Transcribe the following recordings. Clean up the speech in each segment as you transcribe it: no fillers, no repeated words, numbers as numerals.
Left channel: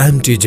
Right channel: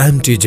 MTJ,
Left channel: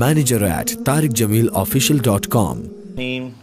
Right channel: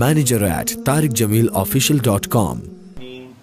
manager@tariqjamilofficial.com।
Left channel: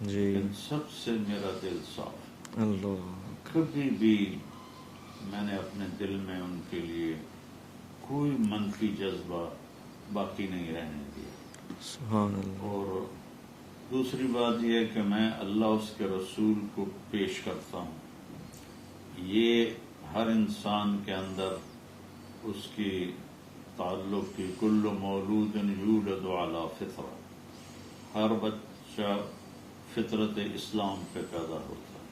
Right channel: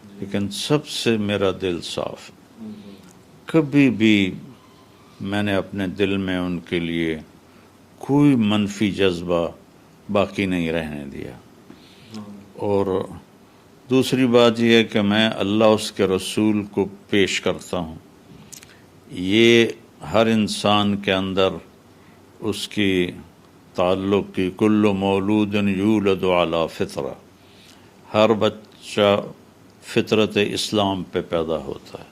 لیکن سب سے میرا دل صاف ہے. اللہ. کبھی بھی میں نے اپنے دل میں ان کے لیے کوئی منفی جذبہ باقی نہیں رہنے دیا. سبحان اللہ. اور دوسری بات یہ ہے کہ میں اللہ اس کے رسول کو پیش کرتا ہوں. یہ ہر انسان کے اندر اس کی تعلق کی کل مولود یولد علی فطرہ، ہر بچہ فطرت اسلام پہ پیدا ہوتا ہے،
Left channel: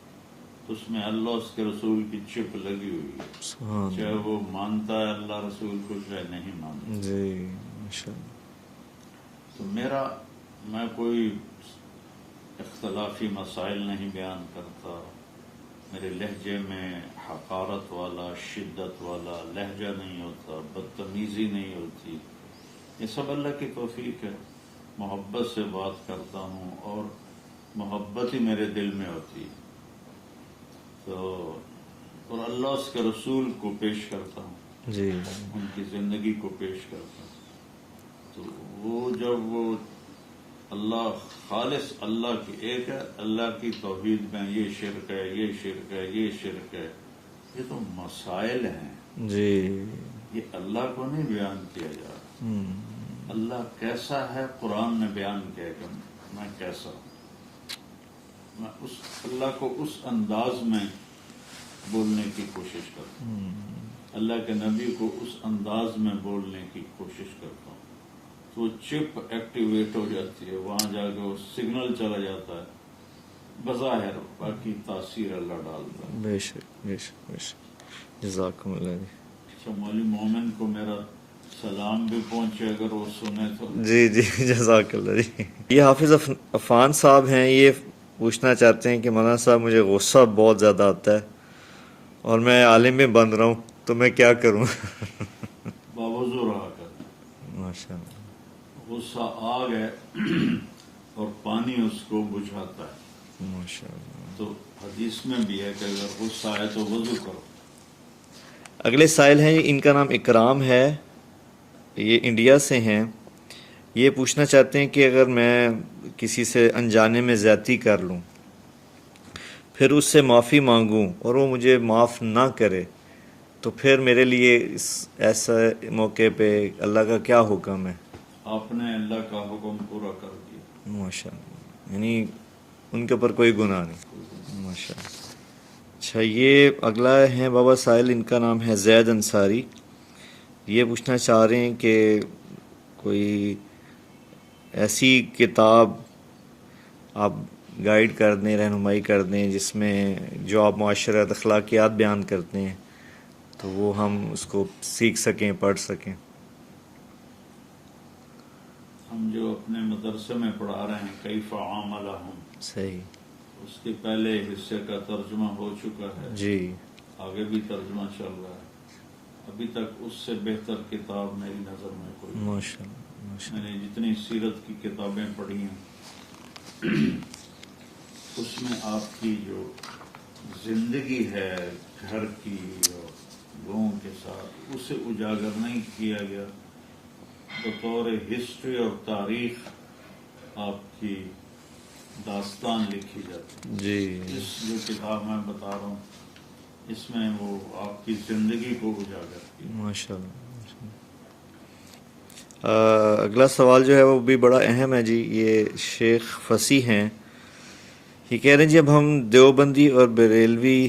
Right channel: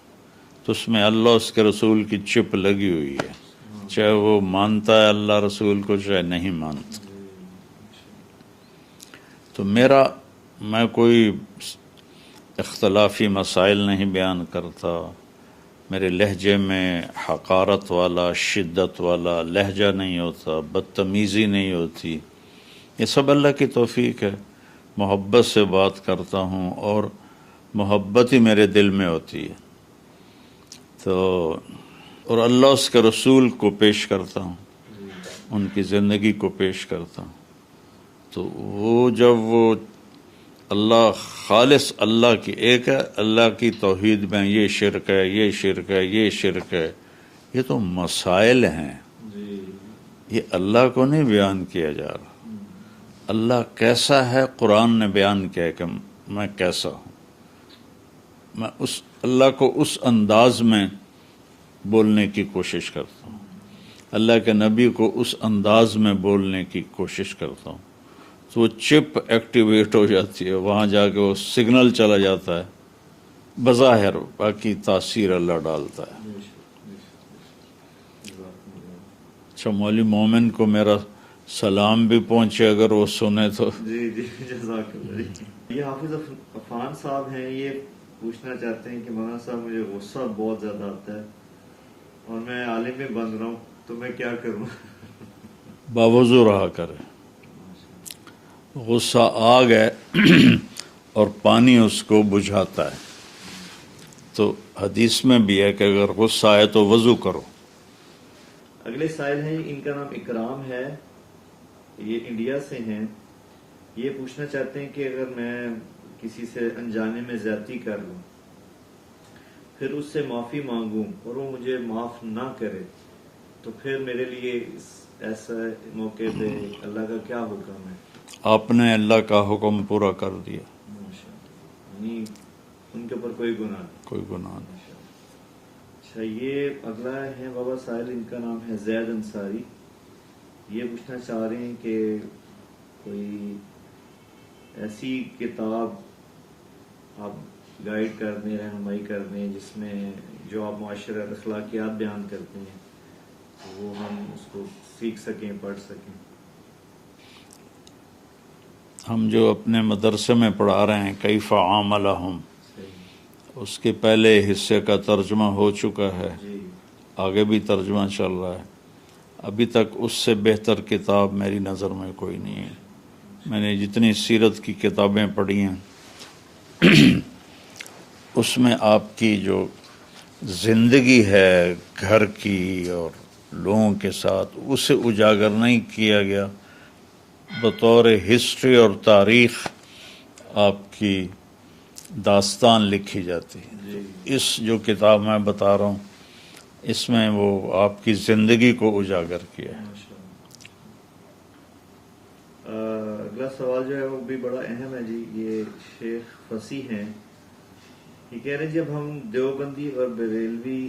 تو اس میں اللہ اس کے رسول کی چپ لگی ہوئی ہے، چاہے وہ مانتا ہے اللہ رسول کو چاہے نہیں مانتا. جی ماشاءاللہ. تو میں کوئی اختلافی مسائل نہیں بیان کرتا، میرے لہجے میں حقارت والا شدت والا لہجہ نہیں ہوتا، بدتمیزی نہیں ہوتی. یہ سب اللہ کی توفیق ہے. محبت سے بات کرتا ہوں اور محبت ہی میرے دل میں ہوتی ہے. تو اور اللہ اس کے رسول کو پیش کرتا ہوں، جی ان کی زندگی کو پیش کرتا ہوں. تو وہ جب وہ اللہ خالص اللہ کی ایک ہے، اللہ کی توحید میں یہ شرک ہے، یہ شرک ہے، یہ شرک ہے، یہ تو مسائل ہیں. جی. یہ اللہ کو نہیں بیان کیا جا رہا. اللہ کیسا ہے قرآن نے بیان کیا ہے کہ میں کیسا ہوں. میں اس اللہ کو اس انداز میں بولنے کی کوشش کرتا ہوں، اللہ کے نبی کو اس انداز میں بولنے کی کوشش کرتا ہوں. تو وہ چپ ایکٹیویٹ ہو جاتی ہے، وہاں جا کے وہ سگنل چلا جاتا ہے. بظاہر باقی تاثیر اللہ ڈالتا ہے. بے شک بے شک بے شک. جزاکم اللہ. اچھا مولوی مومن کو میرا سلام بھی پہنچے اگر وہ سنے تو. جی جی جزاک اللہ. جی یہ حافظ عفان صاحب ہیں، یہ پوچھنا چاہتے ہیں کہ مولانا صاحب مجھے غصہ بہت زیادہ آتا ہے اور میں عالم میں بن رہا ہوں، تو میں کیا کروں؟ باوضو رہا کرے. ماشاء اللہ. غصہ آگ ہے اور پانی اس کو بجھاتا ہے. تو حدیث میں بھی ہے کہ اگر غصہ آئے تو وضو کرو. اگلے سائل ہیں، ان کا نام اکرام ہے، یہ انڈیا سے ہیں. یہ پوچھنا چاہتے ہیں کہ اگر میں کسی سے انجانے میں زیادتی کر لوں، پھر اس سے معافی مانگوں اور وہ مجھے معاف نہ کرے، تو پھر میرے لیے ایسا موقع پہ اللہ کا کیا حکم ہے؟ آپ نے اللہ کا حکم پورا کر دیا، ماشاء اللہ. یعنی ان کے اوپر کوئی گناہ نہیں. کوئی گناہ نہیں. ماشاء اللہ. اچھا یہ اگلا ہے بابا سائل، ان کا نام ہے زید انصاری. یہ پوچھنا چاہ رہے ہیں کہ کوئی ایسی کتاب آپ گائیڈ کر دیں، رہنمائی کر دیں، جس میں جو آپ معاشرت اخلاقیات بیان کرتے ہیں تو وہ ہم اس کو سیکھ سکیں، پڑھ سکیں. ہم جو اپنے مدرسے میں پڑھا رہے ہیں کیف عاملہم، صحیح. اس کے پہلے حصے کا ترجمہ ہو چکا ہے، جی آگے بھی ترجمہ چل رہا ہے. ابھی تک اس سے بہتر کتاب میری نظر میں کوئی نہیں ہے. میں نے جتنی سیرت کی کتابیں پڑھی ہیں اس میں آپ کی جو زندگی ہے گھر کی اور لوگوں کے ساتھ، اسے اجاگر نہیں کیا گیا. بطور ہسٹری اور تاریخ آپ کی داستان لکھی جاتی. جی. اس جو کتاب میں بتا رہا ہوں اس میں وہ آپ کی زندگی کو اجاگر کیا ہے. ماشاء اللہ. اگلا سوال جو ہے وہ بھی بڑا اہم ہے جی. یہ شیخ فصیح ہیں، یہ کہہ رہے ہیں جب ہم دیوبندی اور بریلوی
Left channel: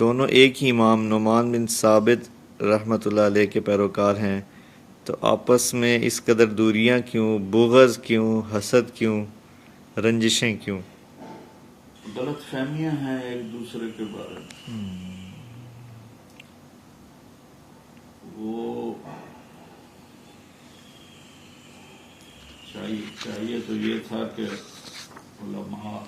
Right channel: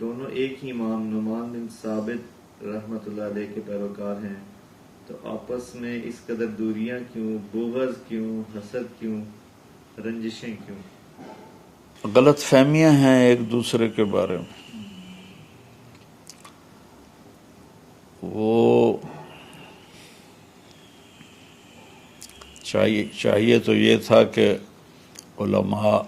دونوں ایک ہی امام نعمان بن ثابت رحمۃ اللہ علیہ کے پیروکار ہیں، تو آپس میں اس قدر دوریاں کیوں، بغض کیوں، حسد کیوں، رنجشیں کیوں؟ غلط فہمیاں ہیں ایک دوسرے کے بارے میں. وہ چاہیے تو یہ تھا کہ علماء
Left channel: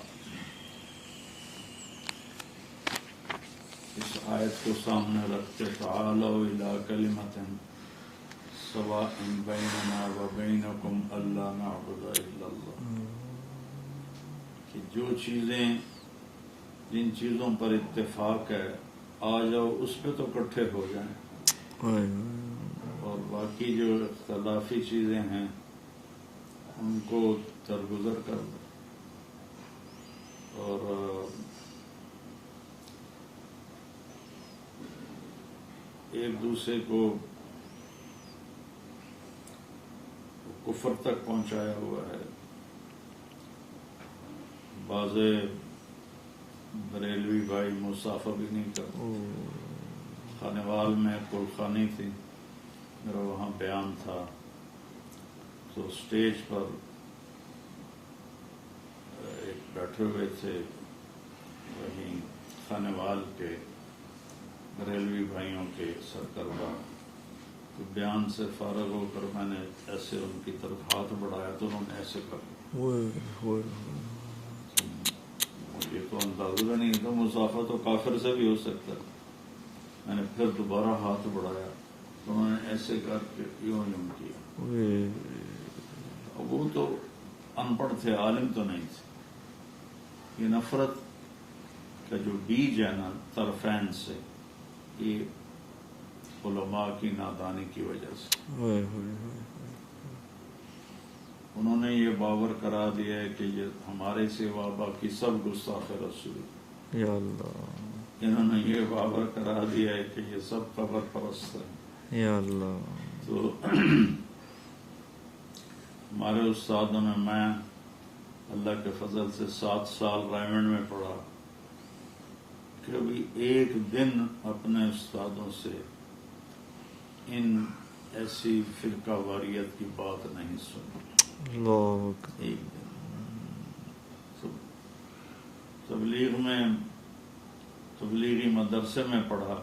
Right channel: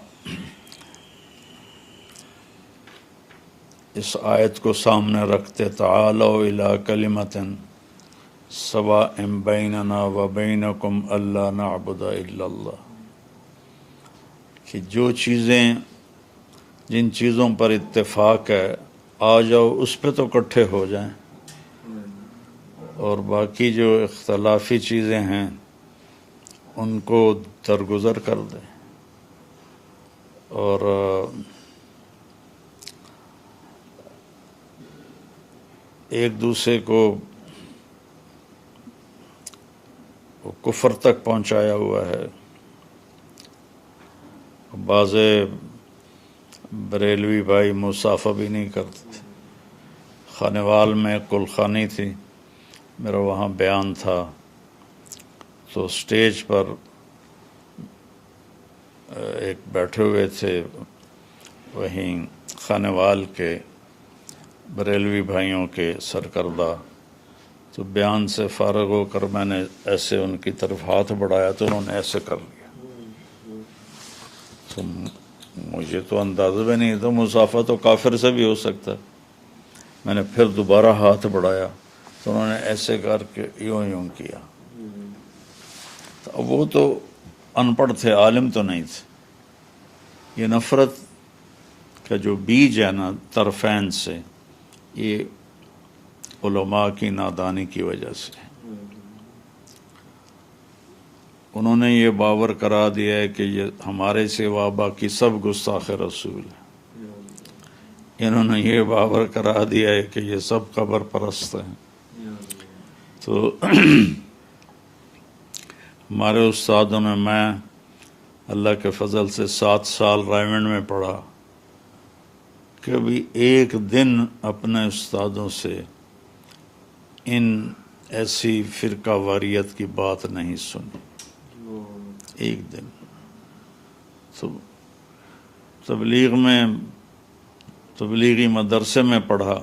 اس آیت کو سامنے رکھتے، تعالوا الی کلمۃ سواء بیننا و بینکم الا نعبد الا اللہ، کہ جو چیزیں جن چیزوں پر اتفاق ہے آ جاؤ اس پہ تو اکٹھے ہو جائیں، اور باقی جو اختلافی چیزیں ہیں ان کو درگزر کر دیں. اور ایک دوسرے کو کفر تک پہنچایا ہوا ہے. بعض بریلوی بھائی مصافحہ بھی نہیں کرتے تھے. خانوال میں کلخانی تھی، میرا وہاں بیان تھا، تو سٹیج پر ایک بیٹھے ہوئے تھے وہیں خانوال کے بریلوی بھائیوں کے سرکردہ، تو بیان سے فارغ ہو کر میں نے ایسے ان کی طرف ہاتھ بڑھایا تو انہوں نے ایسے کر لیا. تو مجھے تو اندازہ بھی نہیں تھا، مصافحہ تو کافر سے بھی ہو سکتا ہے. میں نے پھر دوبارہ ہاتھ بڑھایا تو انہوں نے ایسے کر کے یوں کیا. اب وہ تو ان پڑھ تھے، عالم تو نہیں تھے. یہ نفرت کا جو بیج ہے نا طرفین سے، یہ علماء کی نادانی کی وجہ سے. انہوں نے یہ باور کرا دیا ہے کہ یہ ہمارے سوا باقی سب گستاخ رسول ہیں. یا اللہ، انہوں نے یہ باور کرا دیا ہے کہ یہ سب قبر پرست ہیں. یا اللہ. تو ہمارے استادوں نے، میں اللہ کے فضل سے 7 سال رائمنڈ میں پڑھا، کبھی ایک دن اپنے استادوں سے ان ایسی فرقہ واریت کی بات نہیں سنی. ایک دن تبلیغی مدرسے میں پڑھا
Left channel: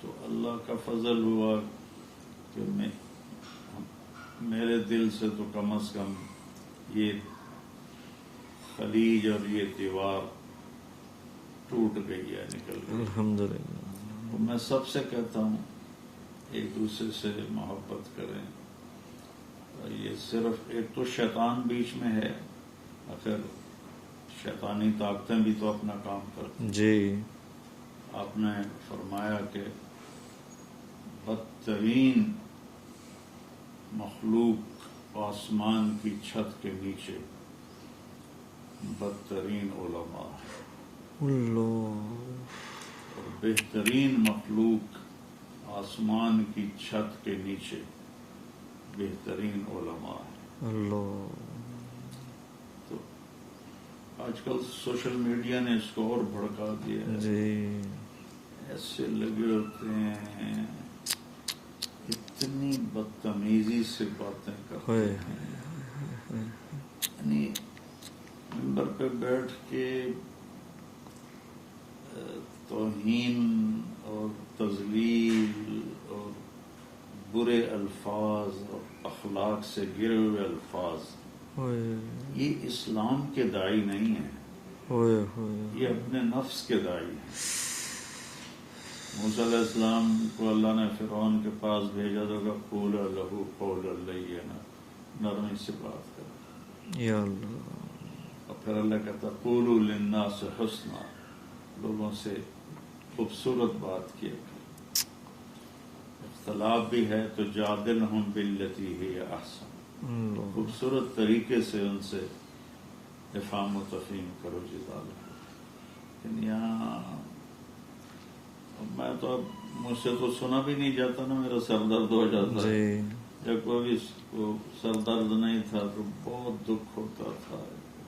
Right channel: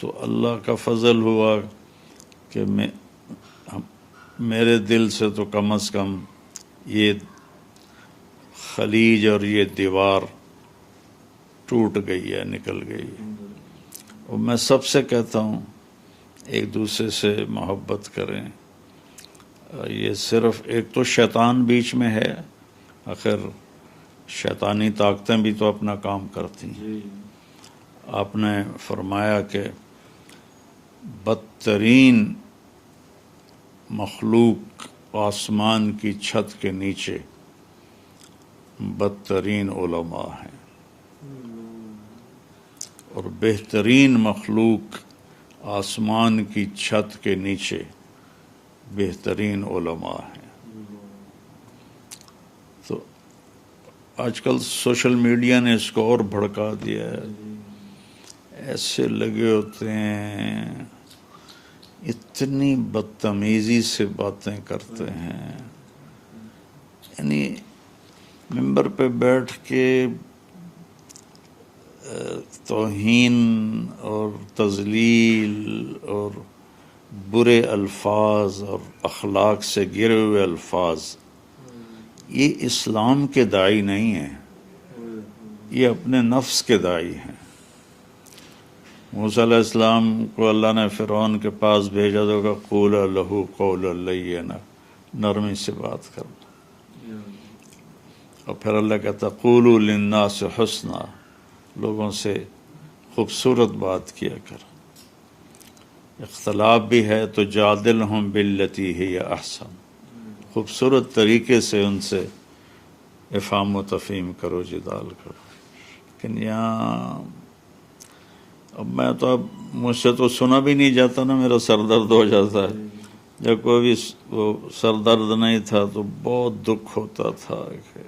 تو اللہ کا فضل ہوا کہ میرے دل سے تو کم از کم یہ خلیج اور یہ دیوار ٹوٹ گئی ہے، نکل گئی. الحمدللہ. اور میں سب سے کہتا ہوں ایک دوسرے سے محبت کریں. یہ صرف ایک تو شیطان بیچ میں ہے، آخر شیطانی طاقتیں بھی تو اپنا کام کرتی ہیں. جی. آپ نے فرمایا کہ بدترین مخلوق آسمان کی چھت کے نیچے بدترین علماء ہیں، اور بہترین مخلوق آسمان کی چھت کے نیچے بہترین علماء ہیں. تو آج کل سوشل میڈیا نے اس کو اور بھڑکا دیا ہے. ایسے لگے ہوتے ہیں، اتنی بدتمیزی سے باتیں کرتے ہیں. یعنی ممبر پہ بیٹھ کے توہین اور تذلیل اور برے الفاظ اور اخلاق سے گرے ہوئے الفاظ، یہ اسلام کے داعی نہیں ہیں، یہ اپنے نفس کے داعی ہیں. موسیٰ علیہ السلام کو اللہ نے فرعون کے پاس بھیجا تو کہا قولا لہ قولا لینا، نرمی سے بات کرنا. اور پھر اللہ کہتا قولوا للناس حسنا، لوگوں سے خوبصورت بات کیا کر. اختلاف بھی ہے تو جادلہم باللتی ہی احسن، خوبصورت طریقے سے ان سے افہام و تفہیم کرو، جدال کرو. لیکن یہاں اب مجھ سے تو سنا بھی نہیں جاتا نا، میرا سر درد ہو جاتا ہے. جب کوئی بھی وہ سر درد نہیں تھا تو بہت دکھ ہوتا تھا کہ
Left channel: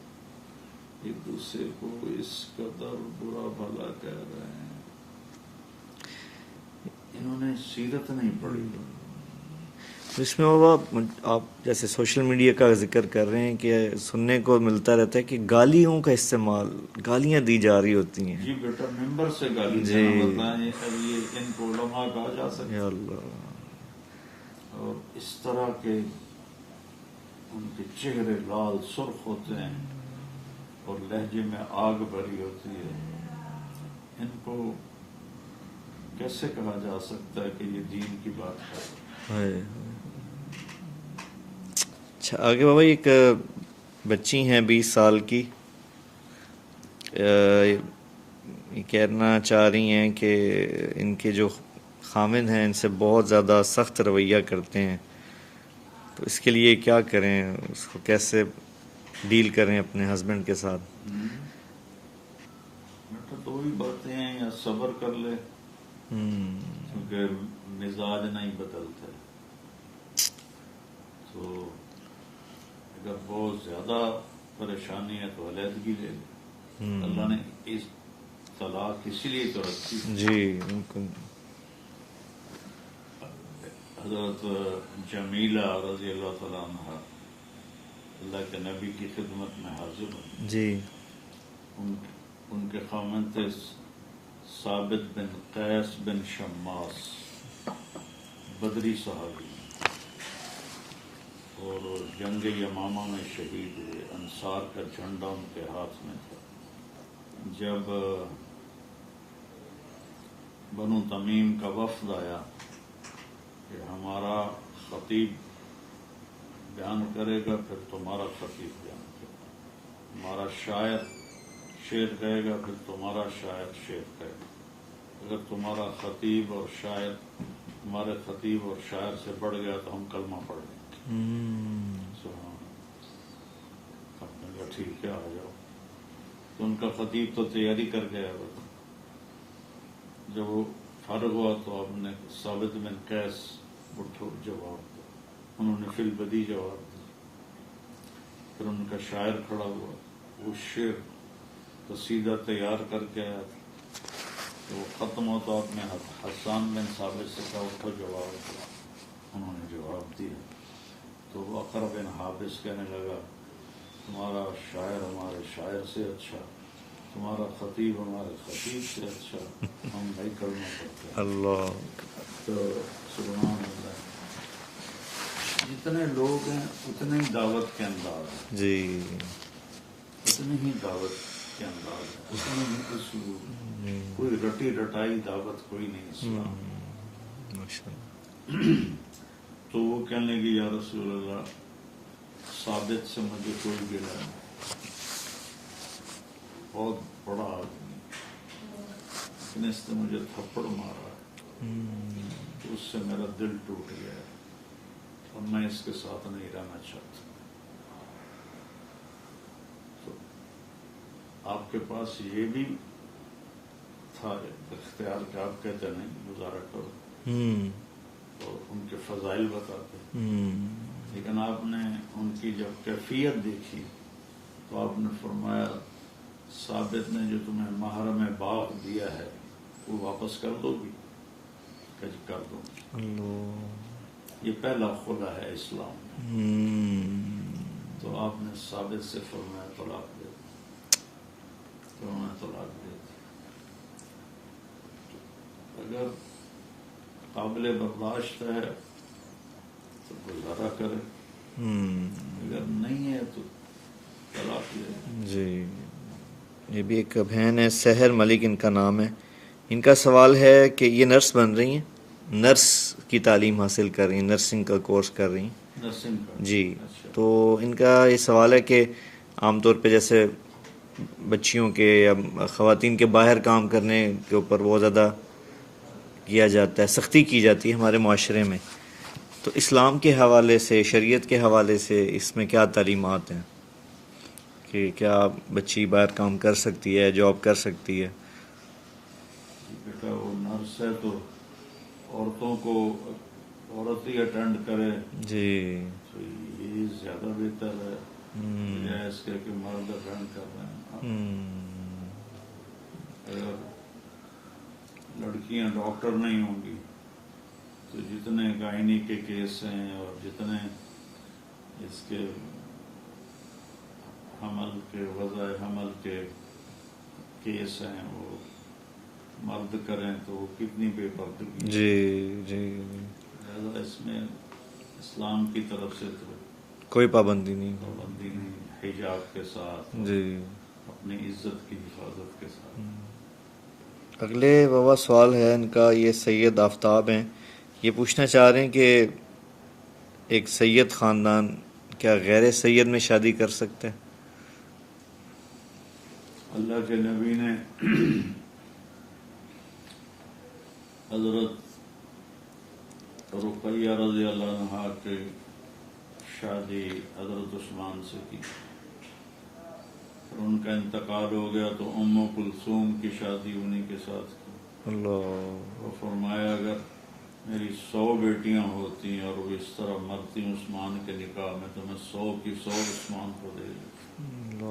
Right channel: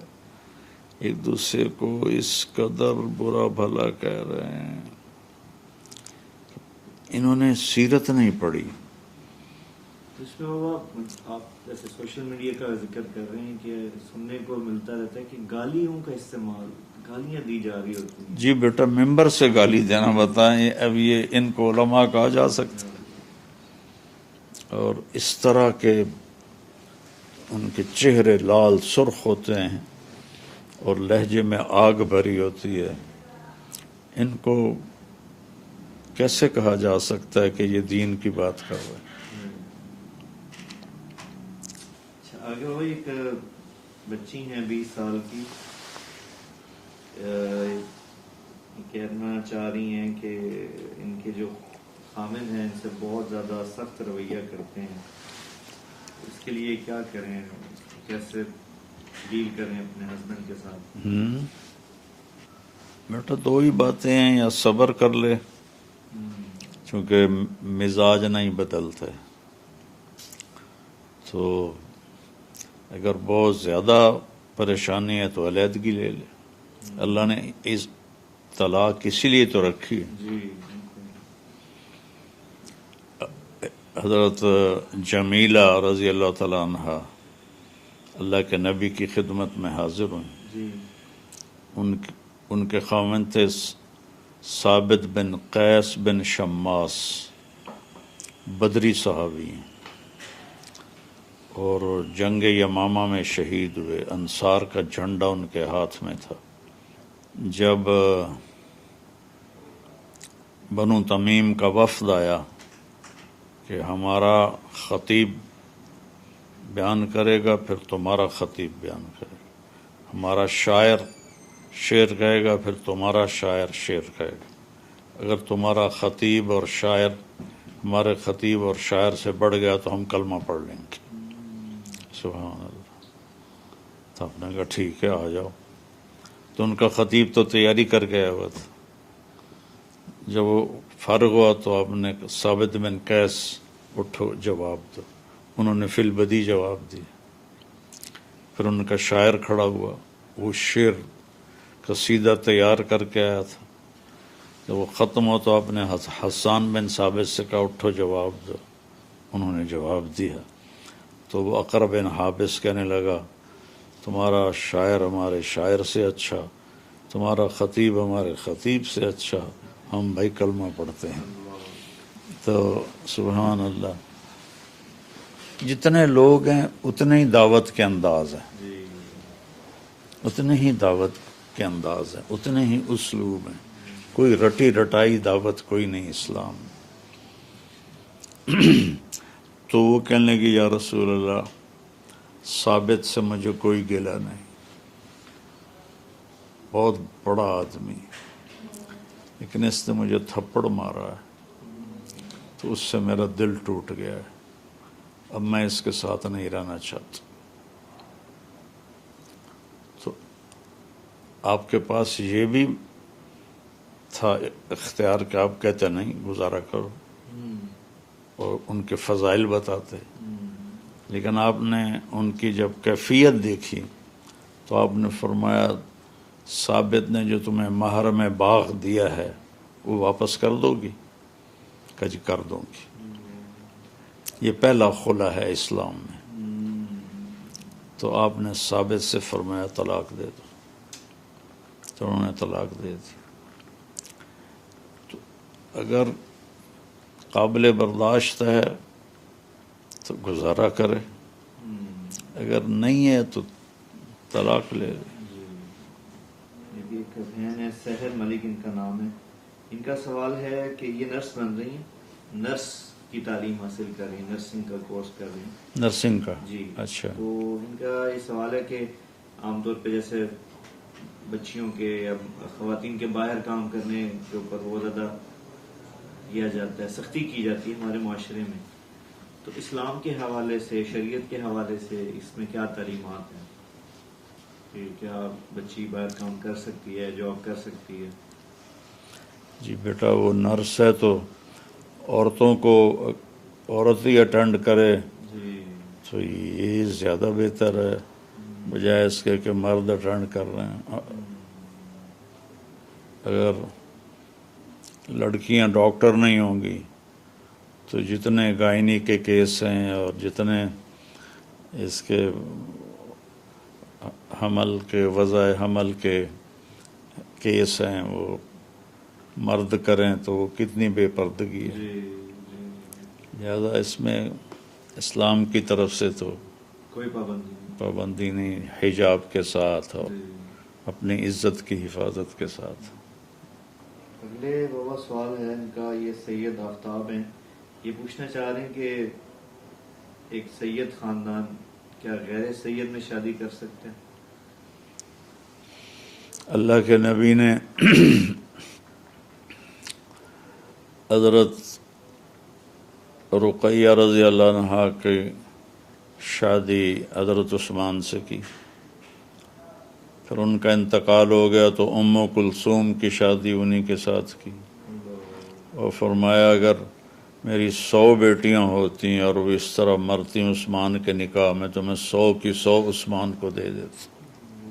ایک دوسرے کو اس قدر برا بھلا کہہ رہے ہیں. انہوں نے سیرت نہیں پڑھی. اس میں بابا آپ جیسے سوشل میڈیا کا ذکر کر رہے ہیں کہ سننے کو ملتا رہتا ہے کہ گالیوں کا استعمال، گالیاں دی جا رہی ہوتی ہیں. جی بیٹا، ممبر سے گالی دینا بتائیں، اب یہ ان کو علماء کہا جا سکتا؟ اور اس طرح کے ان کے چہرے لال سرخ ہوتے ہیں اور لہجے میں آگ بھری ہوتی ہے. ان کو کیسے کہا جا سکتا ہے کہ یہ دین کی بات کر رہے ہیں؟ اچھا، آگے بابا ایک بچی ہیں 20 سال کی، یہ کہنا چاہ رہی ہیں کہ ان کے جو خامد ہیں ان سے بہت زیادہ سخت رویہ کرتے ہیں، تو اس کے لیے کیا کریں، اس کو کیسے ڈیل کریں اپنے ہسبینڈ کے ساتھ؟ بیٹا دو ہی باتیں ہیں، یا صبر کر لے چونکہ مزاج نہیں بدلتا ہے، تو اگر بہت زیادہ پریشانی ہے تو علیحدگی لے لے. اللہ نے اس طلاق اسی لیے تو رکھی. جی بالکل. حضرت جمیلہ رضی اللہ تعالیٰ عنہ اللہ کے نبی کی خدمت میں حاضر ہوں. جی. ان کے خاوند تھے ثابت بن قیس بن شماس، بدری صحابی ہیں، اور جنگ یمامہ میں شہید ہوئے. انصار کا جھنڈا ان کے ہاتھ میں تھا. جب بنو تمیم کا وفد آیا کہ ہمارا خطیب بیان کرے گا پھر تمہارا خطیب بیان کرے گا، ہمارا شاعر شعر کہے گا پھر تمہارا شاعر شعر کہے گا، اگر تمہارا خطیب اور شاعر ہمارے خطیب اور شاعر سے بڑھ گیا تو ہم کلمہ پڑھ لیں گے. سبحان اللہ. تو آپ نے کہا ٹھیک ہے آ جاؤ. تو ان کا خطیب تو تیاری کر کے آیا ہوا تھا. جب وہ فارغ ہوا تو آپ نے ثابت بن قیس اٹھو جواب دو. انہوں نے فی البدی جواب دی. پھر ان کا شاعر کھڑا ہوا، وہ شعر قصیدہ تیار کر کے آیا تھا. جب وہ ختم ہو تو آپ نے حسان بن ثابت سے کہا اٹھو جواب دو. انہوں نے جواب دیا. تو وہ اقرب بن حابس کہنے لگا تمہارا شاعر ہمارے شاعر سے اچھا، تمہارا خطیب ہمارے خطیب سے اچھا، ہم بھائی کلمہ پڑھتے ہیں. اللہ. تو سبحان اللہ. جتنے لوگ ہیں اتنے ہی دعوت کے انداز ہیں، جی. اتنے ہی دعوت کے انداز ہیں، اتنے ہی اسلوب ہیں. کوئی رٹی رٹائی دعوت کوئی نہیں اسلام. تو وہ کہنے لگی یا رسول اللہ ثابت سے مجھے کوئی گلہ نہیں، بہت بڑا آدمی، لیکن اس نے مجھے تھپڑ مارا ہے تو اس سے میرا دل ٹوٹ گیا ہے، اب میں اس کے ساتھ نہیں رہنا چاہتا. تو آپ کے پاس یہ بھی تھا اختیار کہ آپ کہتے نہیں گزارا کرو اور ان کے فضائل بتاتے، لیکن آپ نے ان کی جب کیفیت دیکھی تو آپ نے فرمایا ثابت نے جو تمہیں مہر میں باغ دیا ہے وہ واپس کر دو گی؟ کہ جی کر دوں گی. یہ پہلا خلا ہے اسلام میں. تو آپ نے ثابت سے فرمایا طلاق دے دو، تو انہوں نے طلاق دے دی. تو اگر قابل برداشت ہے تو گزارا کرے، اگر نہیں ہے تو طلاق لے. جی. یہ بھی ایک بہن ہے سحر ملک ان کا نام ہے. ان کا سوال ہے کہ یہ نرس بن رہی ہیں، نرس کی تعلیم حاصل کر رہی ہیں، نرسنگ کا کورس کر رہی ہیں. نرسنگ کا؟ جی. اچھا. تو ان کا یہ سوال ہے کہ عام طور پہ جیسے بچیوں کے یا خواتین کے باہر کام کرنے کے اوپر بہت زیادہ کیا جاتا ہے، سختی کی جاتی ہے ہمارے معاشرے میں، تو اسلام کے حوالے سے، شریعت کے حوالے سے اس میں کیا تعلیمات ہیں کہ کیا بچی باہر کام کر سکتی ہے، جاب کر سکتی ہے؟ جی بیٹا وہ نرس ہے تو عورتوں کو عورت ہی اٹینڈ کرے جی. تو یہ زیادہ بہتر ہے بجائے اس کے کہ مرد اٹینڈ کر رہے ہیں. اگر لڑکیاں ڈاکٹر نہیں ہوں گی تو جتنے گائنی کے کیس ہیں اور جتنے اس کے حمل کے وضع حمل کے کیس ہیں وہ مرد کریں تو وہ کتنی بے پردگی ہے. جی. جی. لہذا اس میں اسلام کی طرف سے تو کوئی پابندی نہیں. پابندی نہیں، حجاب کے ساتھ اور جی. اپنی عزت کی حفاظت کے ساتھ. اگلے بابا سوال ہے ان کا، یہ سید آفتاب ہیں، یہ پوچھنا چاہ رہے ہیں کہ ایک سید خاندان کیا غیر سید میں شادی کر سکتے ہیں؟ اللہ کے نبی نے حضرت رقیہ رضی اللہ عنہا کی شادی حضرت عثمان سے کی. پھر ان کا انتقال ہو گیا تو ام کلثوم کی شادی انہی کے ساتھ کی، اللہ اور فرمایا اگر میری 100 بیٹیاں ہوتی اور وہ اس طرح مرتی عثمان کے نکاح میں تو میں 100 کی 100 عثمان کو دے دیتا.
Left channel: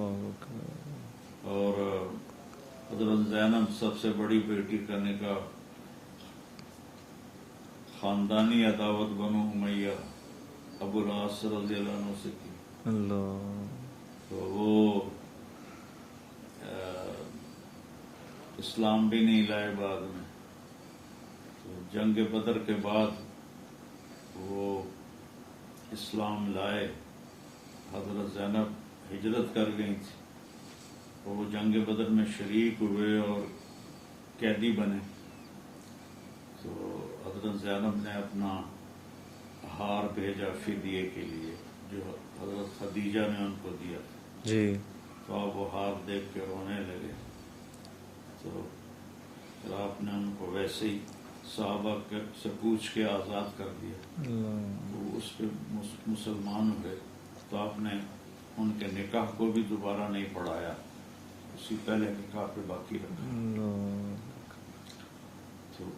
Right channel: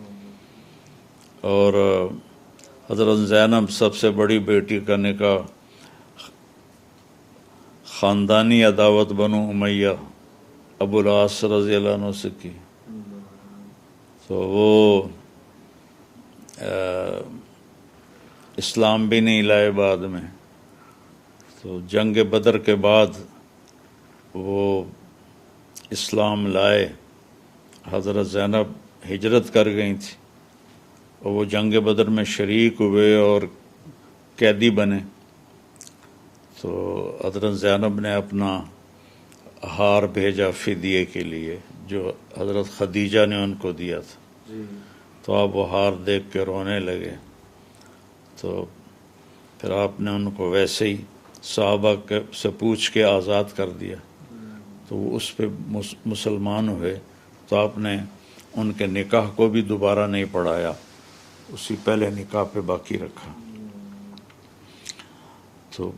اور حضرت زینب سب سے بڑی بیٹی کا نکاح خاندانی عداوت بنو امیہ ابو العاص رضی اللہ عنہ سے کی. اللہ تو وہ اسلام بھی نہیں لائے بعد میں. تو جنگ بدر کے بعد وہ اسلام لائے. حضرت زینب ہجرت کر گئی تھی اور وہ جنگ بدر میں شریک ہوئے اور قیدی بنے. تو حضرت زینب نے اپنا ہار بھیجا فدیے کے لیے جو حضرت خدیجہ نے ان کو دیا تھا. جی تو آپ وہ ہار دیکھ کے رونے لگے. تو پھر آپ نے ان کو ویسے ہی صحابہ سے پوچھ کے آزاد کر دیا. تو وہ اس پہ مسلمان ہوئے. تو آپ نے ان کے نکاح کو بھی دوبارہ نہیں پڑھایا، اسی پہلے نکاح پہ باقی رکھا. تو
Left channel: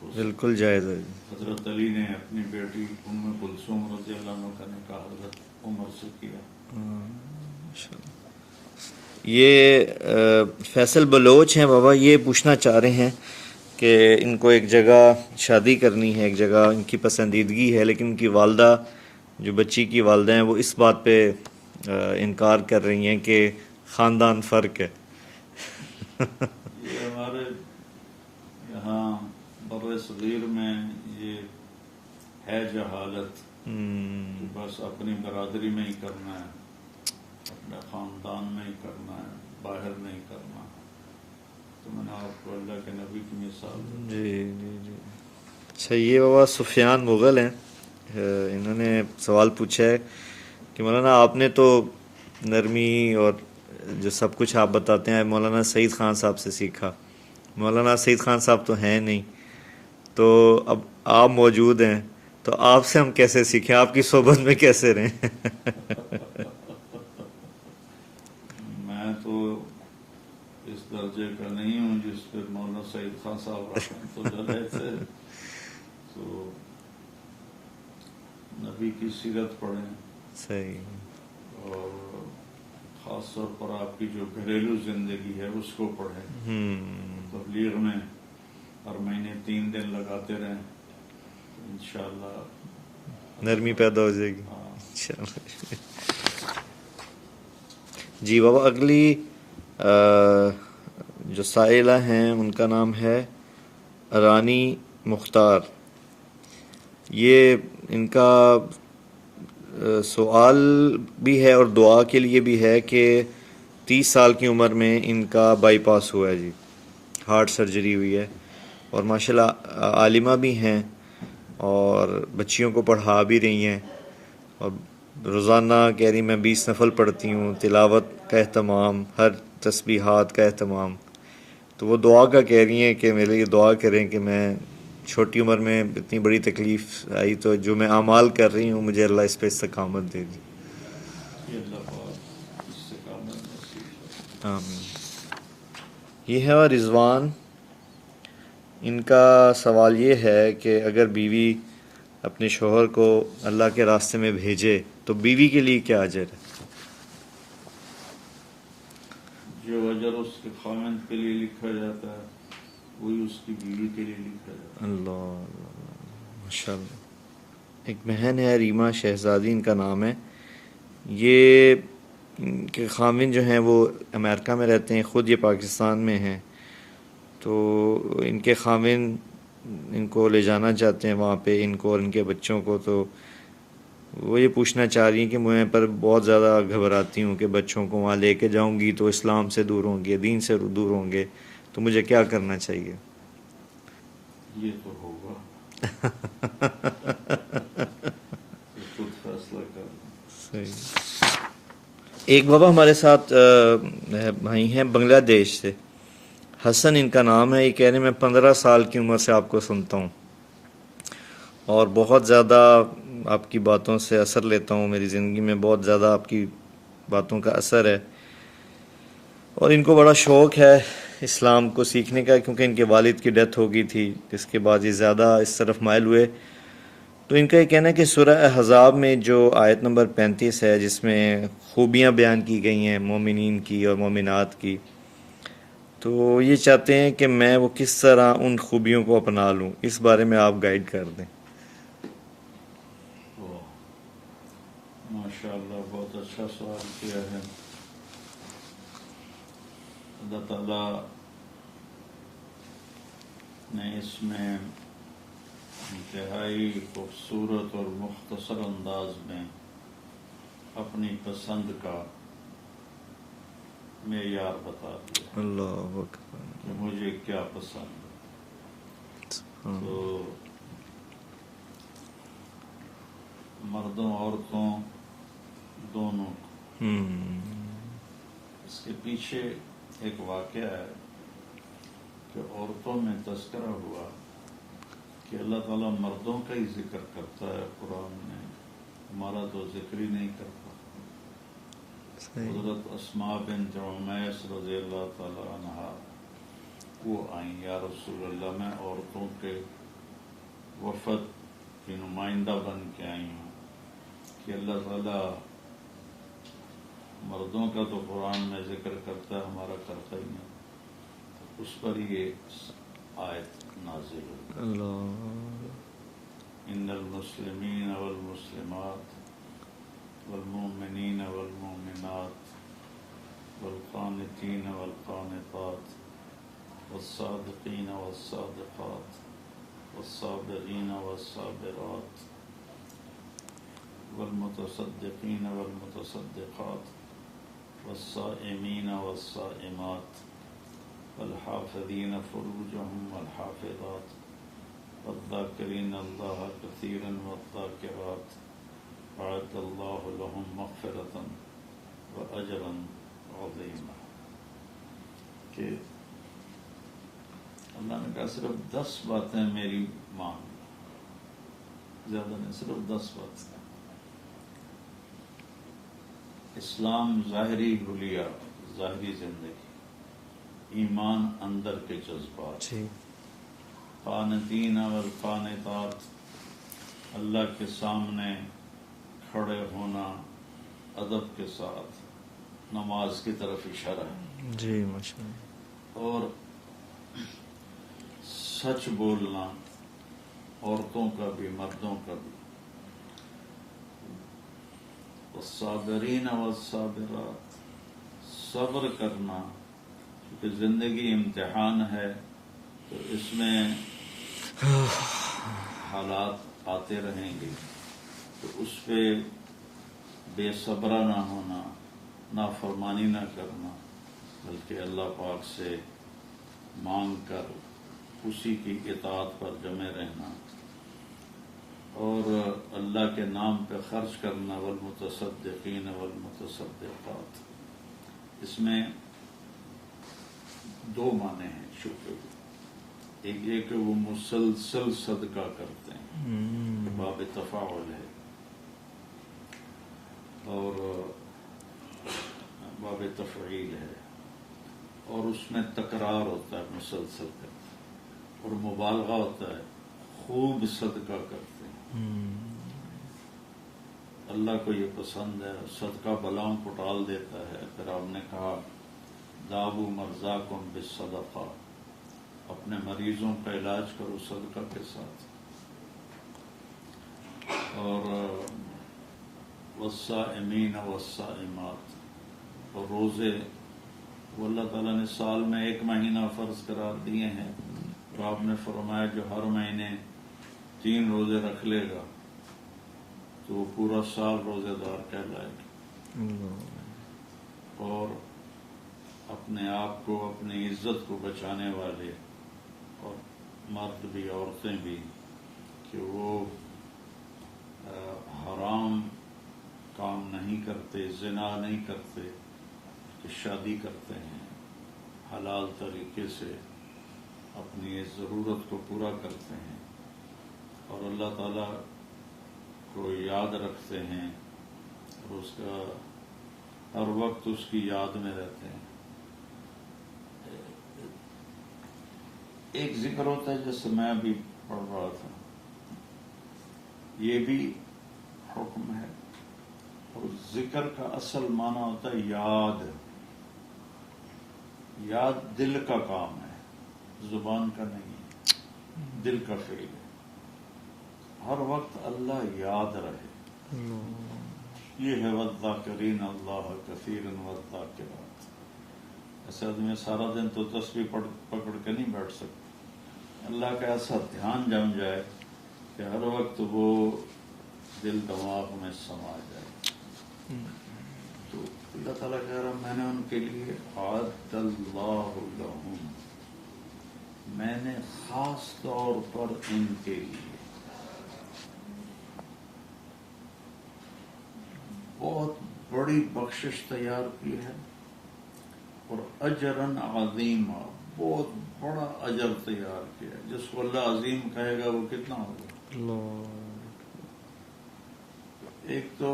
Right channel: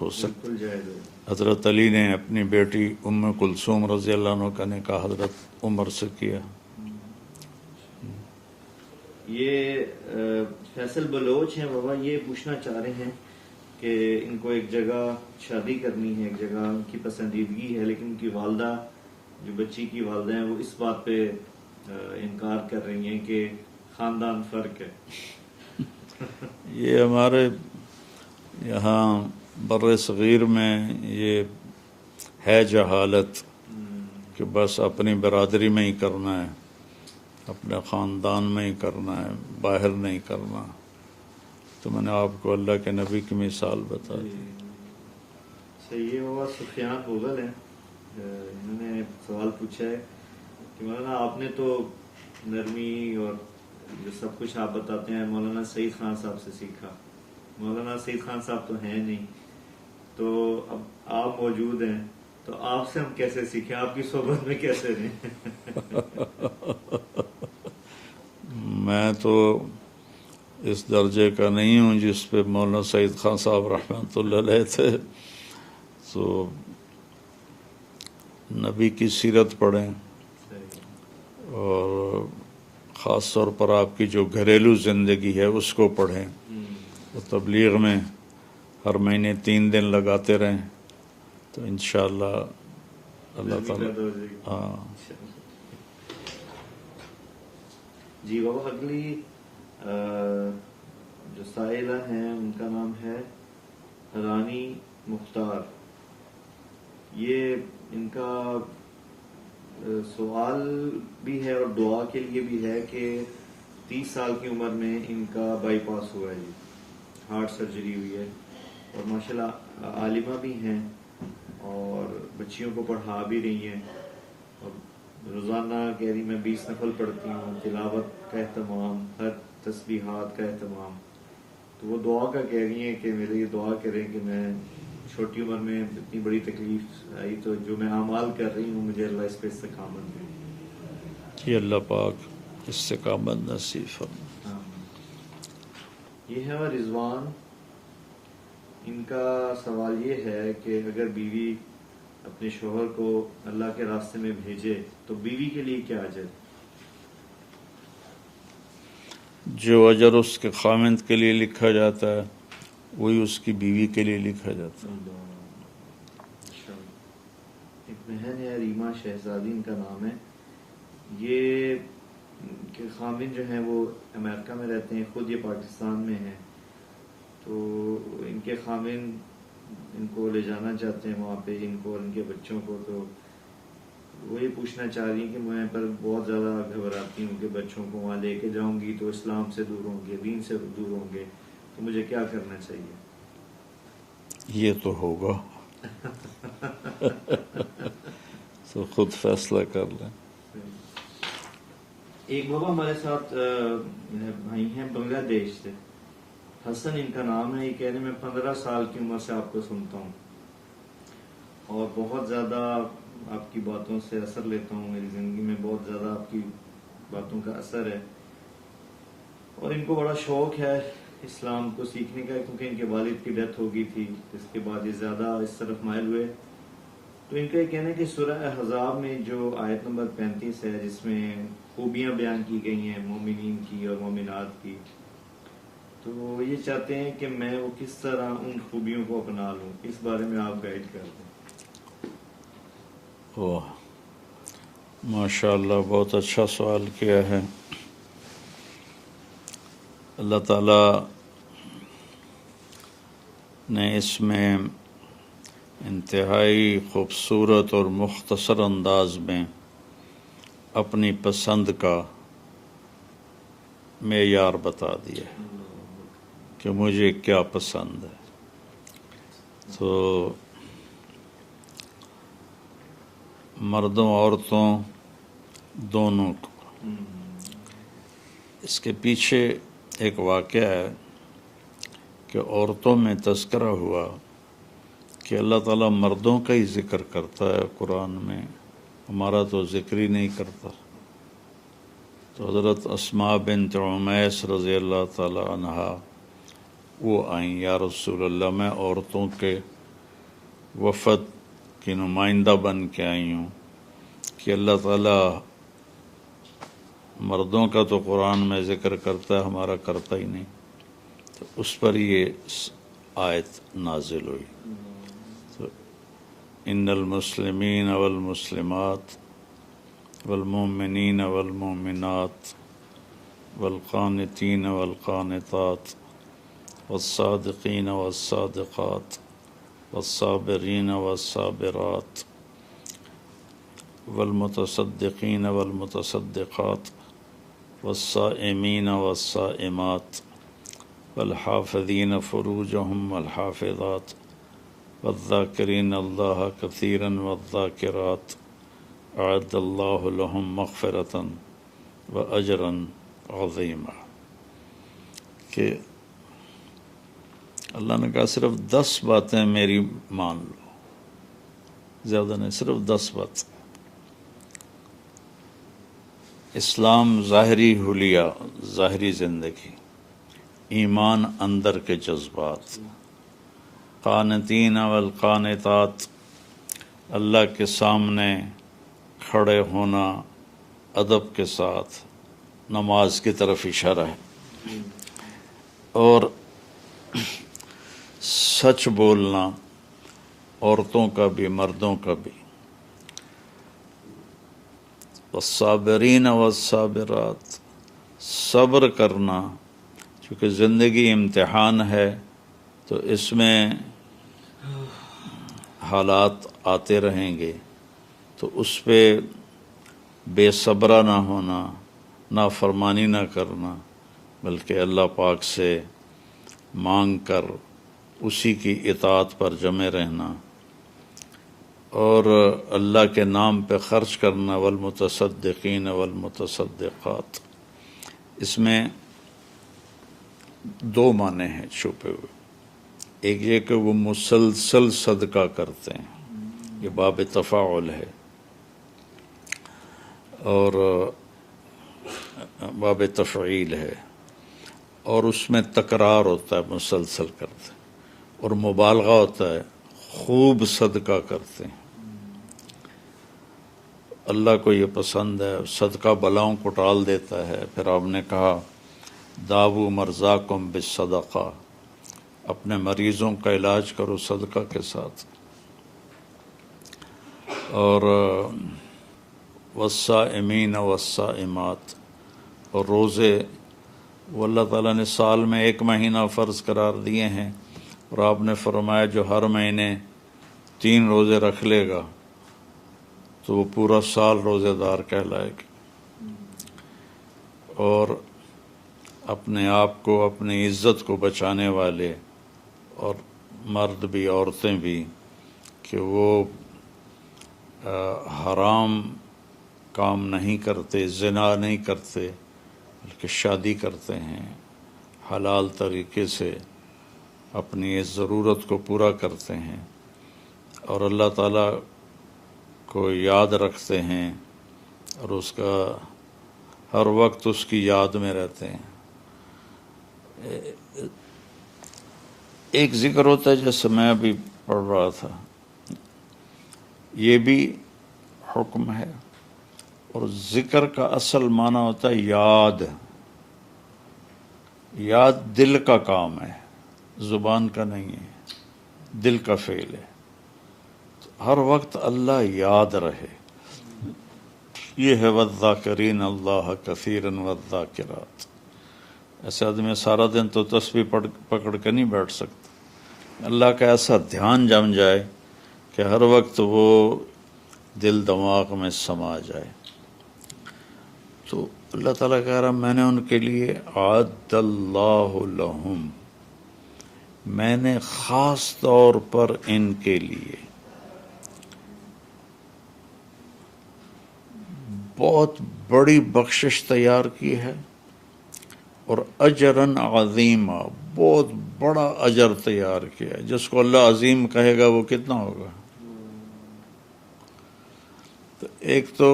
بالکل جائز ہے. حضرت علی نے اپنی بیٹی ام کلثوم رضی اللہ عنہ کا نکاح حضرت عمر سے کیا. یہ فیصل بلوچ ہیں بابا، یہ پوچھنا چاہ رہے ہیں کہ ان کو ایک جگہ شادی کرنی ہے، ایک جگہ ان کی پسندیدگی ہے، لیکن ان کی والدہ جو بچی کی والدہ ہیں وہ اس بات پہ انکار کر رہی ہیں کہ خاندان فرق ہے. یہ ہمارے یہاں بر صغیر میں یہ ہے جہالت کہ بس اپنی برادری میں ہی کرنا ہے، اپنے خاندان میں ہی کرنا ہے، باہر نہیں کرنا. تو میں نے آپ کو اللہ کے نبی کی مثال بتائی. اچھا، یہ بابا سفیان مغل ہیں، انہوں نے سوال پوچھا ہے کہ مولانا آپ نے تو نرمی اور جو سب کچھ آپ بتاتے ہیں مولانا سعید خان صاحب سے سیکھا. مولانا سعید خان صاحب تو ہیں نہیں، تو اب آپ موجود ہیں تو آپ سے ہم کیسے سیکھیں، آپ کی صحبت میں کیسے رہیں؟ میں تو اس درجے کا نہیں ہوں جس پہ مولانا سعید خان صاحب رحمۃ اللہ علیہ تھے. تو نبی کی سیرت پڑھیں صحیح. اور خاص طور پر آپ کی جو گھریلو زندگی ہے اس کو پڑھیں. تبلیغ میں ہر مہینے 3 دن لگاتے رہیں تو انشاءاللہ نرمی پیدا ہو جائے گی. ہاں. جی بابا، اگلی جو سائلہ ہیں ان کا نام ہے رانی مختار. یہ ان کا سوال بھی ہے اور دعا کے لیے بھی ہے کہ 30 سال کی عمر میں ان کا بائی پاس ہوا ہے جی، ہارٹ سرجری ہوئی ہے، اور ماشاءاللہ عالمہ بھی ہیں اور بچیوں کو پڑھا بھی رہی ہیں، اور روزانہ کہہ رہی میں 20 نفل پڑھتی ہوں، تلاوت کا اہتمام، ہر تسبیحات کا اہتمام. تو وہ دعا کا کہہ رہی ہیں کہ میرے لیے دعا کریں کہ میں چھوٹی عمر میں اتنی بڑی تکلیف آئی تو جو میں اعمال کر رہی ہوں مجھے اللہ اس پہ استقامت دے دی. یہ اللہ پاک استقامت نصیب فرمائے. آمین. یہ ہے اور رضوان، ان کا سوال یہ ہے کہ اگر بیوی اپنے شوہر کو اللہ کے راستے میں بھیجے تو بیوی کے لیے کیا اجر ہے؟ جو اجر اس کے خاوند کے لیے لکھا جاتا ہے وہی اس کی بیوی کے لیے لکھا جاتا ہے. اللہ ماشاءاللہ. ایک بہن ہے ریما شہزادی ان کا نام ہے. یہ ان کے خاوند جو ہیں وہ امریکہ میں رہتے ہیں، خود یہ پاکستان میں ہیں. تو ان کے خاوند ان کو لے جانا چاہتے ہیں وہاں پہ، ان کو اور ان کے بچوں کو. تو وہ یہ پوچھنا چاہ رہی ہیں کہ میں پر بہت زیادہ گھبراتی ہوں کہ بچوں کو وہاں لے کے جاؤں گی تو اسلام سے دور ہوں گے، دین سے دور ہوں گے، تو مجھے کیا کرنا چاہیے؟ یہ تو ہوگا تو خود فیصلہ کر لیں. ایک بابا ہمارے ساتھ بھائی ہیں بنگلہ دیش سے، حسن ان کا نام ہے. یہ کہہ رہے ہیں میں 15 سال کی عمر سے آپ کو سنتا ہوں اور بہت زیادہ آپ کی باتوں سے اثر لیتا ہوں، میری زندگی میں بہت زیادہ آپ کی باتوں کا اثر ہے، اور ان کو بڑا شوق ہے اسلام کو سیکھنے کا، کیونکہ ان کے والد کی ڈیتھ ہو گئی تھی، جس کے بعد یہ زیادہ اس طرف مائل ہوئے. تو ان کا یہ کہنا ہے کہ سورہ احزاب میں جو آیت نمبر 35 ہے، جس میں خوبیاں بیان کی گئی ہیں مومنین کی اور مومنات کی، تو یہ چاہتے ہیں کہ میں وہ کس طرح ان خوبیوں کو اپنا لوں. اس بارے میں آپ گائیڈ کر دیں. واہ، ماشاء اللہ، بہت اچھا سوال کیا ہے. اللہ تعالیٰ نے اس میں انتہائی خوبصورت اور مختصر انداز میں اپنی پسند کا معیار بتا دیا ہے اللہ اکبر. کہ مجھے کیا پسند ہے. تو مردوں عورتوں دونوں کو اس کے پیچھے ایک واقعہ ہے کہ عورتوں میں تذکرہ ہوا کہ اللہ تعالیٰ مردوں کا ہی ذکر کرتا ہے قرآن میں، ہمارا تو ذکر ہی نہیں کرتا. تو حضرت اسماء بنت عمیس رضی اللہ تعالیٰ عنہا وہ آئیں، یا رسول اللہ میں عورتوں کے وفد کی نمائندہ بن کے آئی ہوں کہ اللہ تعالیٰ مردوں کا تو قرآن میں ذکر کرتا ہے، ہمارا کرتا ہی نہیں. تو اس پر یہ آیت نازل ہوئی. تو ان المسلمین والمسلمات والمؤمنین والمؤمنات والقانتین والقانتات والصادقین والصادقات والصابرین والصابرات والمتصدقین والمتصدقات والصائمین والصائمات والحافظین فروجهم والحافظات والذاکرین اللہ کثیرا والذاکرات اعد اللہ لهم مغفرتا واجرا عظیما. کہ اللہ نے کہا صرف 10 باتیں میری مان لو، زیادہ نہیں، صرف 10 باتیں. اسلام ظاہری حلیہ، ظاہری زندگی، ایمان اندر کے جذبات، قانتین والقانتات، اللہ کے سامنے کھڑے ہونا ادب کے ساتھ، نماز کی طرف اشارہ ہے، جی ماشاء اللہ. اور سچ بولنا، عورتوں کا بھی مردوں کا بھی. والصابرین والصابرات، صبر کرنا، چونکہ زندگی امتحان ہے تو اس میں حالات آتے رہیں گے، تو اس پہ بے صبرہ نہ ہونا، نافرمانی نہ کرنا، بلکہ اللہ پاک سے مانگ کر اسی کی اطاعت پر جمے رہنا، اور اللہ کے نام پہ خرچ کرنا. والمتصدقین والمتصدقات، اس میں 2 معنی ہیں چھپے ہوئے. ایک یہ کہ وہ مسلسل صدقہ کرتے ہیں، یہ باب تفاعل ہے، اور باب تفعیل ہے، اور اس میں تکرار ہوتا ہے، مسلسل کرتے ہیں، اور مبالغہ ہوتا ہے، خوب صدقہ کرتے ہیں. اللہ کو یہ پسند ہے، صدقہ بلاؤں کو ٹال دیتا ہے. پھر آپ نے کہا داو مرضاکم بالصدقہ، اپنے مریضوں کا علاج کرو صدقہ کے ساتھ. اور والصائمین والصائمات، اور روزے، وہ اللہ تعالیٰ نے سال میں 1 مہینہ فرض قرار دیے ہیں، اور آپ نے فرمایا جو ہر مہینے 3 روزے رکھ لے گا تو وہ پورا سال روزے دار کہلائے گا. اور اپنے آپ کو، اپنی عزت کو بچانے والے، اور مرد بھی عورتیں بھی، کہ وہ حرام کام نہیں کرتے، زنا نہیں کرتے، بلکہ شادی کرتے ہیں، حلال طریقے سے اپنی اس ضرورت کو پورا کرتے ہیں، اور اللہ تعالیٰ کو یاد رکھتے ہیں، اور اس کا ہر وقت اس کی یاد میں رہتے ہیں. ایک ذکر ہوتا ہے جیسے میں ابھی پڑھ رہا تھا، یہ بھی حکم ہے، اور ذکر کا اصل معنی ہوتا ہے یاد. یاد دل کا کام ہے، زبان کا نہیں ہے، دل کا فعل ہے. ہر وقت اللہ یاد رہے، یہ ہے والذاکرین اللہ کثیرا والذاکرات. ایسے آدمی سارا دن تو تسبیح پکڑ کے نہیں بیٹھ سکتا. اللہ کا ایسا دھیان جم جائے کہ ہر وقت وہ دل دماغ میں سما جائے. تو اللہ تعالیٰ کہہ رہا میں نے ان کے لیے اعد اللہ لہم، میں نے خاص طور پر ان کے لیے بہت بڑی بخشش تیار کی ہے، اور اجراً عظیمہ، بہت بڑا اجر تیار کیا ہے. جس کو اللہ عظیم کہے گا وہ کتنا ہوگا؟ تو ایک تو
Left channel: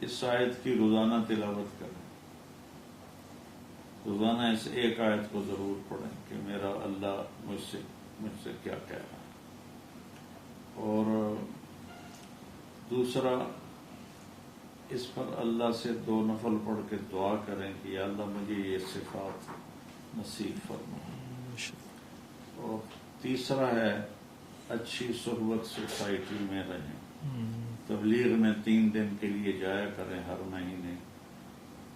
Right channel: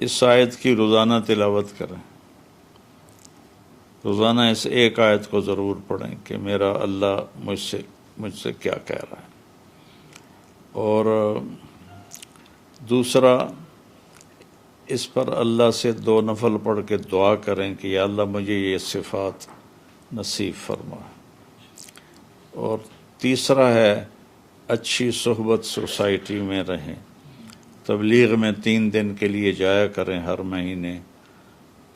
اس آیت کی روزانہ تلاوت کریں، روزانہ اس ایک آیت کو ضرور پڑھیں کہ میرا اللہ مجھ سے کیا کہہ رہا ہے. اور دوسرا، اس پر اللہ سے 2 نفل پڑھ کے دعا کریں کہ یا اللہ مجھے یہ صفات نصیب فرما. اور تیسرا ہے اچھی صحبت سوسائٹی میں رہیں، تبلیغ میں 3 دن کے لیے جایا کریں ہر مہینے،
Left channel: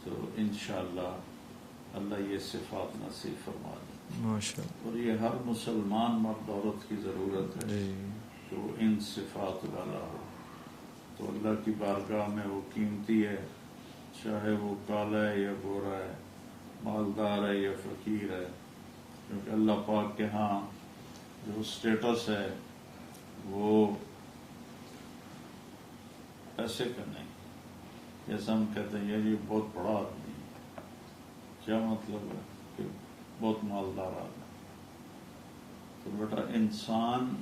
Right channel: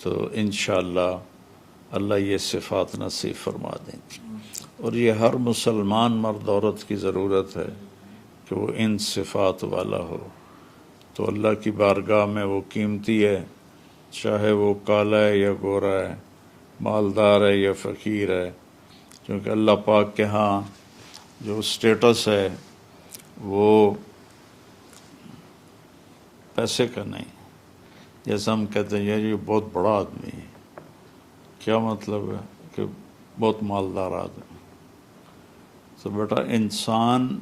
تو انشاءاللہ اللہ یہ صفات نصیب فرما دیں. اور یہ ہر مسلمان مرد عورت کی ضرورت ہے کہ وہ ان صفات والا ہو. تو اللہ کی بارگاہ میں وہ قیمتی ہے، چاہے وہ کالا ہے یا گورا ہے، مالدار ہے یا فقیر ہے، کیونکہ اللہ پاک کے ہاں جو سٹیٹس ہے وہ پیسے کا نہیں. جیسا ہم کہتے ہیں یہ بہت بڑا آدمی ہے، کیا مطلب ہے کہ بہت مالدار آدمی. تو بیٹا انسان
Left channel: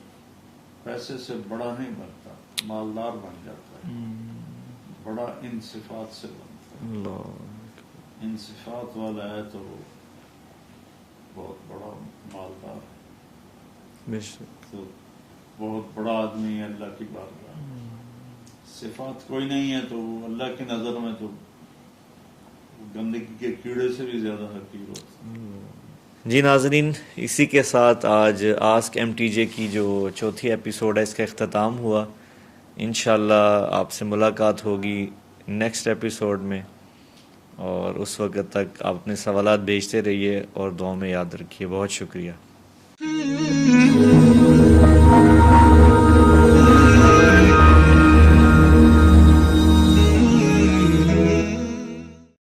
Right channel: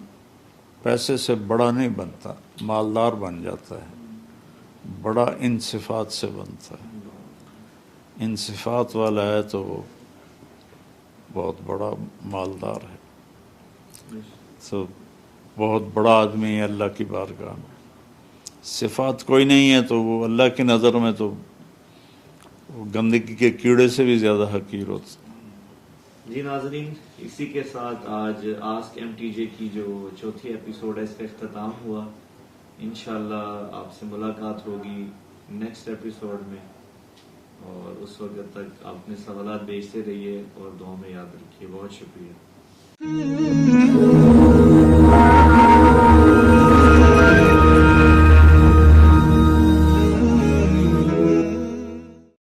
پیسے سے بڑا نہیں بنتا، مالدار بن جاتا ہے. بڑا ان صفات سے بنتا ہے. ان صفات والا ہے تو وہ بہت بڑا مالدار ہے. تو بہت بڑا آدمی ہے اللہ کی بارگاہ. صفات کوئی نہیں ہے تو وہ اللہ کی نظر میں تو گندگی کے کیڑے سے بھی زیادہ حقیر ہوتا. جی ناظرین، اسی کے ساتھ آج آسک ایم ٹی جے کی جو 4تھی ایپیسوڈ ہے اس کا اختتام ہوا. انشاءاللہ آپ سے ملاقات ہوگی نیکسٹ ایپیسوڈ میں، اور اس وقت تک آپ اپنے سوالات بھیجتے رہیے اور دعاؤں میں یاد رکھیے. بہت شکریہ.